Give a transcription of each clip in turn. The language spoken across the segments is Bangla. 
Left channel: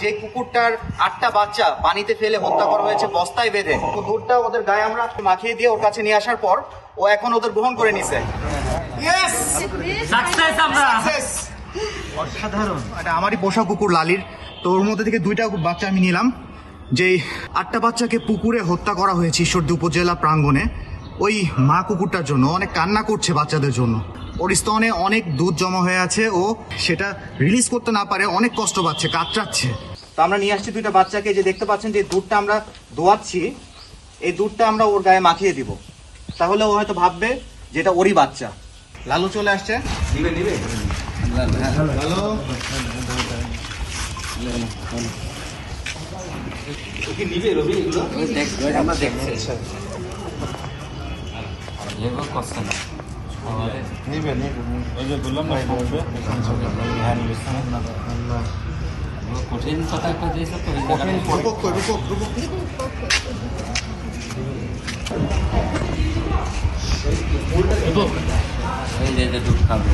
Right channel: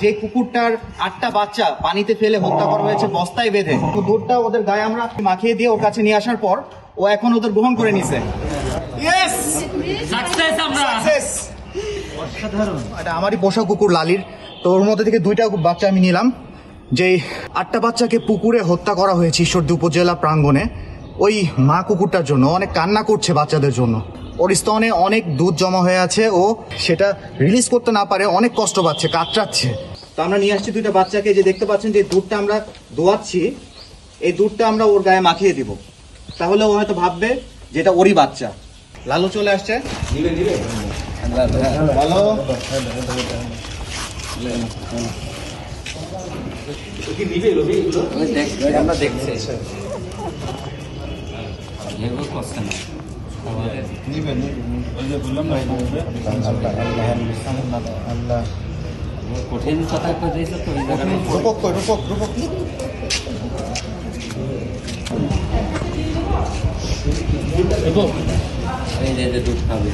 যে কুকুরটার 8টা বাচ্চা পানিতে ফেলে হত্যা করা হয়েছে বস্তায় বেঁধে, দুধটা ওদের গায়ে আমরা মাখিয়ে দিয়ে ওর কাছে নিয়ে আসার পর ও এখন ওদের গ্রহণ করে নিছে। অসাধারণ। এটা আমারই পোষা কুকুর লালির, তো ওর মধ্যে থেকে 2টা বাচ্চা আমি নিলাম। যে 8টা বাচ্চাকে পুকুরে হত্যা করা হয়েছে ঈশ্বরদী উপজেলা প্রাঙ্গণে, ওই মা কুকুরটার জন্য অনেক কান্না করছে বাচ্চাদের জন্য। ওর স্তনে অনেক দুধ জমা হয়ে আছে, ও সেটা রিলিজ করতে না পারে, অনেক কষ্ট পাচ্ছে, কাতরাচ্ছে। তো আমরা নিয়ে আসছি 2টা বাচ্চাকে, যে দেখতে পাচ্ছেন যে দুধটা আমরা দোয়াচ্ছি, এই দুধটা আমরা ওর গায়ে মাখিয়ে দিব, তাহলে ও হয়তো ভাববে যে এটা ওরই বাচ্চা। লালু চলে আসছে, ভালো আমরা দেখছি কঠিন কথা দিয়েছে তো দুধ খাবে।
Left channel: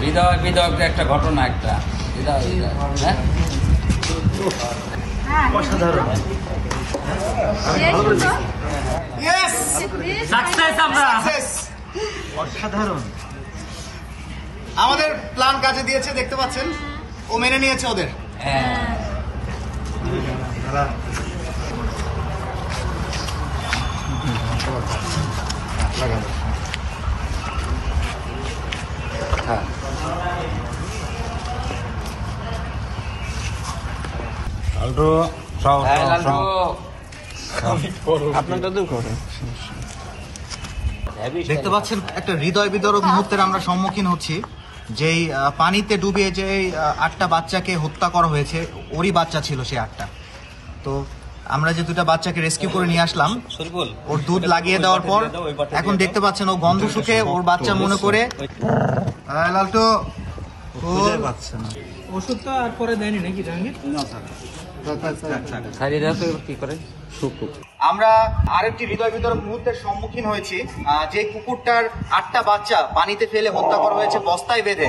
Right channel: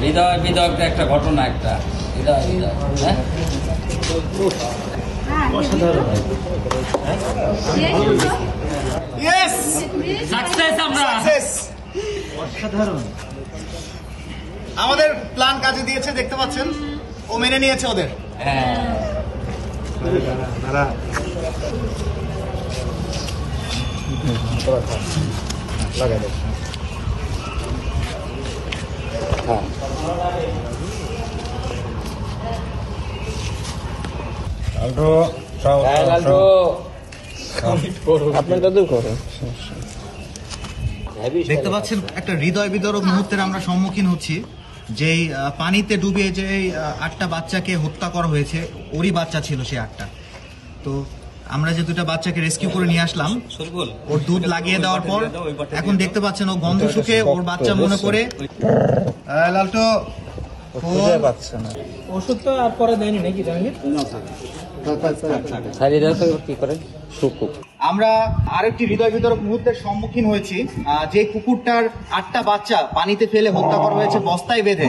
হৃদয় একটা ঘটনা, একটা হৃদয় অসাধারণ। অসাধারণ। আমাদের প্ল্যান কাজে দিয়েছে, দেখতে পাচ্ছেন ও মেনে নিয়েছে ওদের। দেখতে পাচ্ছেন একটা হৃদয় বিদারক মুহূর্তের আমরা সম্মুখীন হচ্ছি। যেই পানিতে ডুবে যে 8টা বাচ্চাকে হত্যা করা হয়েছে, ওরই বাচ্চা ছিল সে 8টা। তো আমরা যে 2টা বাচ্চাকে রেস্কিউ করে নিয়ে আসলাম, ওর দুধ লাগিয়ে দেওয়ার পর এখন দেখতে পাচ্ছেন ও গন্ধ শুকে ওর বাচ্চা মনে করে লালটো পাচ্ছে না। ওষুধ তো আর পরে দেয়নি নাকি জাহাঙ্গীর? কি করে আমরা আরেকটি হৃদয় বিদারক মুহূর্তের সম্মুখীন হয়েছি। যে কুকুরটার 8টা বাচ্চা পানিতে ফেলে হত্যা করা হয়েছে বস্তায় বেঁধে,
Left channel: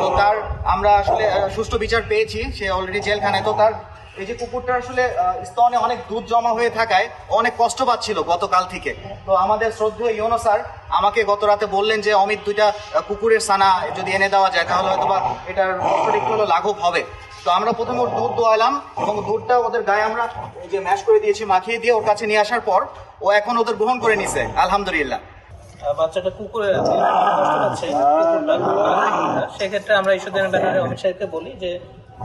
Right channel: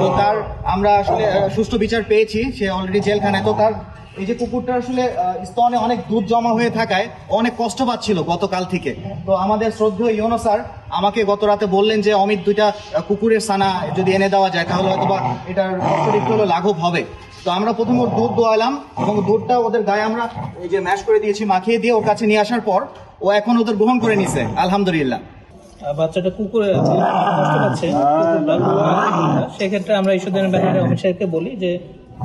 তো তার আমরা আসলে সুষ্ঠু বিচার পেয়েছি, সে অলরেডি জেলখানায়। তো তার এই যে কুকুরটা আসলে স্তনে অনেক দুধ জমা হয়ে থাকায় অনেক কষ্ট পাচ্ছিল গতকাল থেকে। তো আমাদের শ্রদ্ধেয় ইউনো স্যার আমাকে গত রাতে বললেন যে অমিত 2টা কুকুরের ছানা যদি এনে দেওয়া যায় তাহলে হয়তো বা এটার একটু লাঘব হবে। তো আমরা প্রথমে ওর দুধ দোয়ালাম এবং দুধটা ওদের গায়ে আমরা যে ম্যাশ করে দিয়েছি, মাখিয়ে দিয়ে ওর কাছে নিয়ে আসার পর ও এখন ওদের গ্রহণ করে নিছে, আলহামদুলিল্লাহ। বাচ্চাটা কুকুরের আছে, বুঝতে পারছে, সেক্ষেত্রে আমরা ঈশ্বরদের অমিত সাহেবকে বলি যে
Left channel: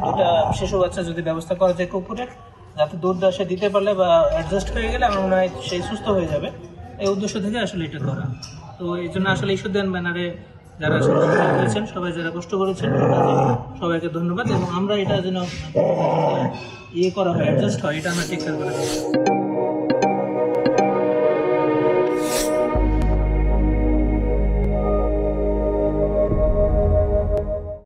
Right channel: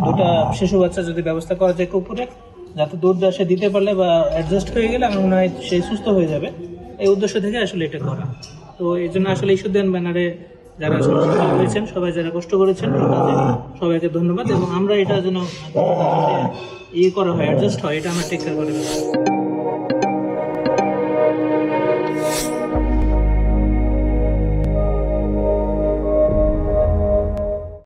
2টা শিশু বাচ্চা যদি ব্যবস্থা করা যায় কুকুরের, যাতে দুধ সে দিতে পারলে বা অ্যাডজাস্ট হয়ে গেলে আমরা সে সুস্থ হয়ে যাবে, এই উদ্দেশ্য থেকে আসলে এটা করা। তো এই জন্য আসলে ঈশ্বরদের ব্যানারে যারা করেছেন, সবাই যারা কষ্ট করেছেন সবাইকে ধন্যবাদ, এবং আমরা এটা যেন করা হয়, অ্যাডজাস্ট হয়, এটা আমরা টেক কেয়ার করে।